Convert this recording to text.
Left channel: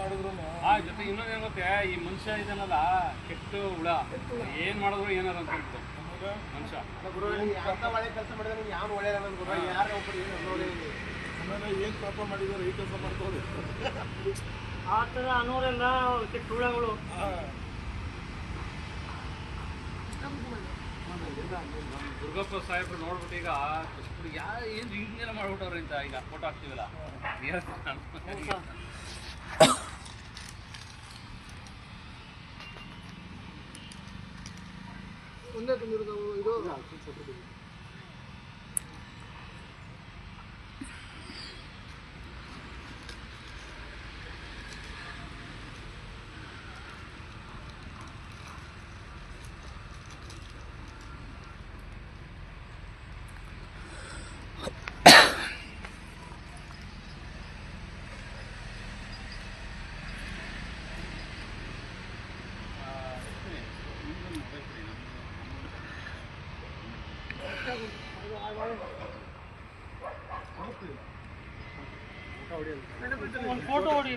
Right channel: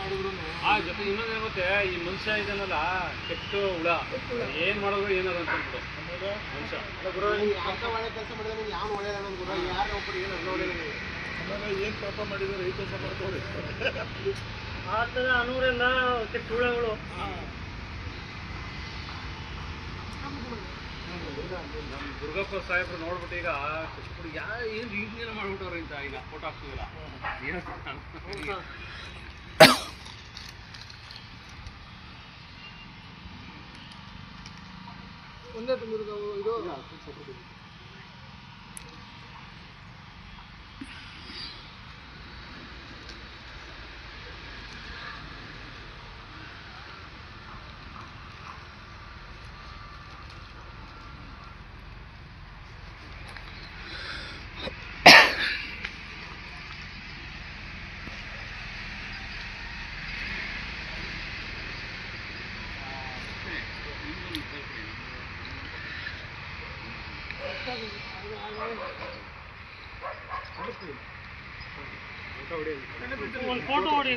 ಮಾಡಿದ್ರು ಆ ಜೊತೆ ಇನ್ನೊಂದು ಗೊತ್ತೆ, ಈ ಮನುಷ್ಯ ಇದನ್ನಲ್ಲ ಕೆಟ್ಟ ಹುಳ, ಏನ್ ಮಾಡಿದ್ರು ಏನಾದ್ರು ಅಂತ ಅಂದ್ಬಿಡು ಮನುಷ್ಯ. ಕೆಲಸ ಮಾಡಿದ್ರೆ ಯಾವ ಒಳ್ಳೆಯದ ಯಾರು ಒಬ್ಬರು ಏನು ಆಮೇಲೆ ಏನು ಪಾಪ ಮಾಡಿದ್ದಾರೆ ಈ ಕೆಲಸ ಮಾಡ್ಕೊಳ್ಳಿ ಆ ಥರ ಅನೂರೆಲ್ಲ ಕೆಟ್ಟ ಹುಳಗಳು. ದುರ್ಗಪ್ಪ ಸಾಹೇಬ್ರು ನೋಡ್ಬಿಟ್ಟು ಈಗ ಏನು ಹಿಂಗೇನ ಮಾಡ್ಬಿಟ್ಟವ್ರೆ ಅಂತ ಈಗ ಫೋಟೋ ಹಾಕ್ತಿದಿಲ್ಲ. ಒಂದೇ ತುಂಬಿರೋದು ಇದು. ಒಂದು ಫೋಟೋ ಹೊಡಿ.